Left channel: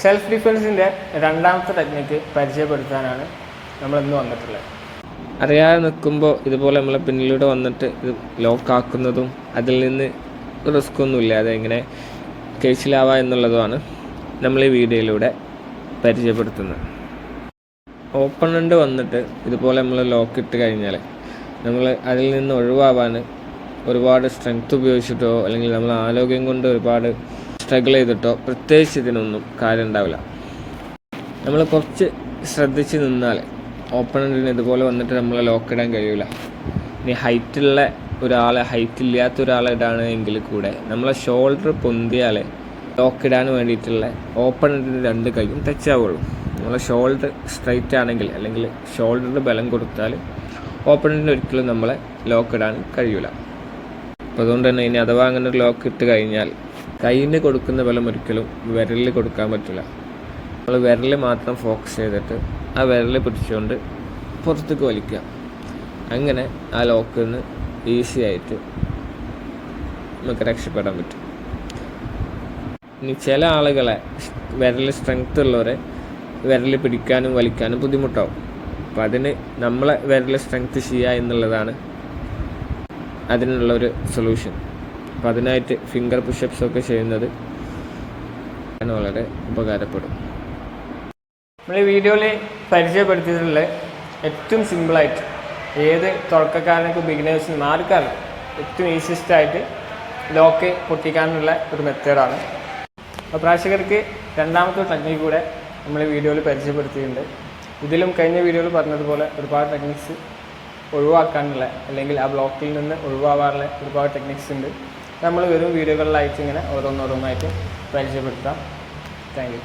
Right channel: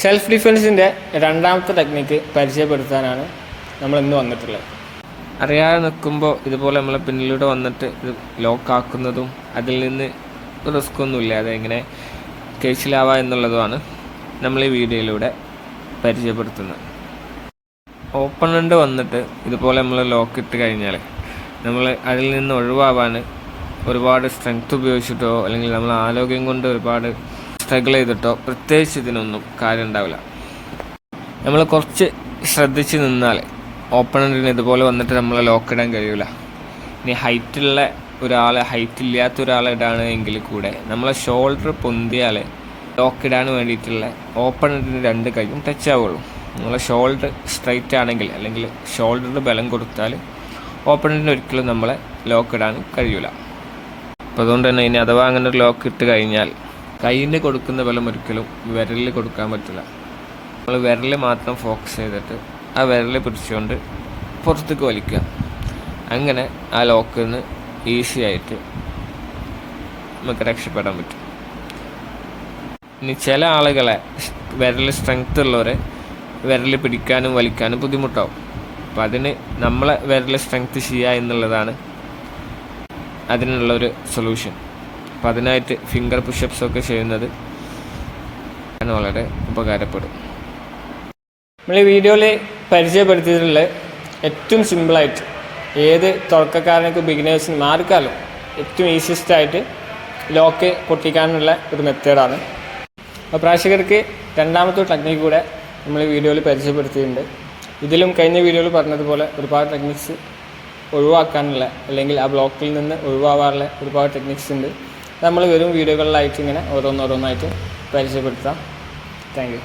Self ഡിഫെൻസിൻ്റെ രണ്ടാമത്തെ technique പരിചയപ്പെടുത്താനാണ് നമ്മളിന്ന് വന്നിട്ടുള്ളത്. അറിയാതെ നിൽക്കുമ്പോൾ ഇതുപോലെ നമ്മളെ പിന്നിലൂടെ വന്നിട്ട് ഇത് ലോക്കാക്കുന്നതും അതിൽ നിന്ന് റിസ്ക് ഒന്നുമില്ല, അതെങ്ങനെ കേസിലാവുക എന്നുള്ളതുമാണ് നമ്മൾ ഈ വീഡിയോയിലൂടെ പരിചയപ്പെടുത്തുന്നത്. ഓപ്പണൻ്റ് വന്നിട്ട് ഇതുപോലെ നമ്മൾ ലോക്ക് ഇട്ട് കഴിഞ്ഞാൽ നമ്മൾ അതിൽ നിന്ന് ഒഴിവാവാൻ ഒരുപാട് സ്ട്രെങ്ത് ഉപയോഗിച്ചിട്ടോ അല്ലെങ്കിൽ നമ്മൾ ആരോഗ്യം കൊണ്ട് ഒരുപാട് സ്ട്രഗിൾ ചെയ്തിട്ടോ പ്രത്യേകിച്ച് ഇതിനൊന്നും കാര്യം ഉണ്ടാവില്ല. നമ്മൾ കുറച്ച് ശ്രദ്ധിച്ച് നിന്നാൽ ഓപ്പണൻറ്റിന് ഇതുപോലെ വന്നിട്ട് നമ്മളെ ലോക്ക് ഇടാൻ കഴിയില്ല. ഇനി ഹൈറ്റ് ഇല്ലാത്ത ഒരാളെ ഇടാണ് എങ്കിൽ കൂടെ നമ്മളെ ഷോൾഡർ പൊന്തിയാൽ ലോക്ക് ഇടാൻ വേണ്ടിയിട്ടുള്ള ഓപ്പണൻറ്റിന് രണ്ട് കൈയും ടച്ച് ആവുള്ളൂ. നമ്മളെ ഷോൾഡർ സ്ട്രൈറ്റ് ആണെങ്കിൽ അല്ലെങ്കിൽ ഷോൾഡറിന് ബലം കൊടുത്താൽ ഓപ്പണൻറ്റിന് ഒരിക്കലും നമ്മളെ ലോക്ക് ഇടാൻ കഴിയില്ല. അപ്പോൾ അതുകൊണ്ട് തന്നെ ഇനി അഥവാ അങ്ങനെ ഒരു ലോക്ക് ഇട്ട് കഴിഞ്ഞാൽ കയ്യിന് കൊടുക്കുന്ന ബലം ഒരിക്കലും വിരലിൽ കൊടുക്കാൻ പറ്റില്ല. നമ്മൾ വിരൽ മാത്രം ഫോക്കസ് ചെയ്തിട്ട് ആ വിരൽ പിടിച്ചുകൊണ്ട് പുറത്തേക്ക് വലിക്കുക. അങ്ങനെ ആ ലോക്കിൽ നിന്ന് ഈസി ആയിട്ട് നമുക്ക് രക്ഷപ്പെടാൻ പറ്റും. ഇനി ചില ആളുകളെ വിരൽ സ്ട്രെങ്ത് ഉള്ളവരെ വിരൽ പിടിക്കാനും വലിക്കാനും ബുദ്ധിമുട്ടാവും. അപ്പം അതിന് നമ്മളെ വിരൽ സ്ട്രെങ്ത് ചെയ്യുക എന്നുള്ളതാണ് അതിനുള്ളൊരു സൊല്യൂഷൻ. അപ്പം അതിനായിട്ട് ഫിംഗർ പുഷപ്സ് ഒക്കെ ചെയ്യുന്നത് വളരെ ഉപകാരപ്പെടും. നമ്മൾ ഈ വീഡിയോയിൽ പരിചയപ്പെടുത്തിയിട്ടുള്ള ഏറ്റവും സിമ്പിളായിട്ട് ഏത് തുടക്കക്കാരനൊക്കെ ബിഗിനേഴ്സിനും ആർക്കാലും ഏറ്റവും ഈസിയസ്റ്റായിട്ട് ലോക്ക് പൊട്ടിക്കാനുള്ള ഒരു മെത്തേഡാണ്. അപ്പോൾ പ്രേക്ഷകർക്ക് രണ്ടാമത്തെ ടെക്നിക്ക് കൂടെ നമ്മൾ ഈ വീഡിയോയിൽ പരിചയപ്പെടുത്തിയിട്ടുണ്ട്. ഇതിലും കഴിഞ്ഞ വീഡിയോയിൽ പറഞ്ഞതുപോലെ ഒരുപാട് ടെക്നിക്സ് ഒഴിവാക്കാനുള്ള അല്ലെങ്കിൽ ആ ബ്ലോക്കിൽ നിന്ന് ഒഴിവാകാനുള്ള ഒരുപാട് ടെക്നിക്സ് ഉണ്ട്. നമ്മൾ വരും വീഡിയോകളിലായിട്ട് ഇങ്ങനെ ഓരോന്നോരോന്നായിട്ട് പരിചയപ്പെടുത്താം. Thank you.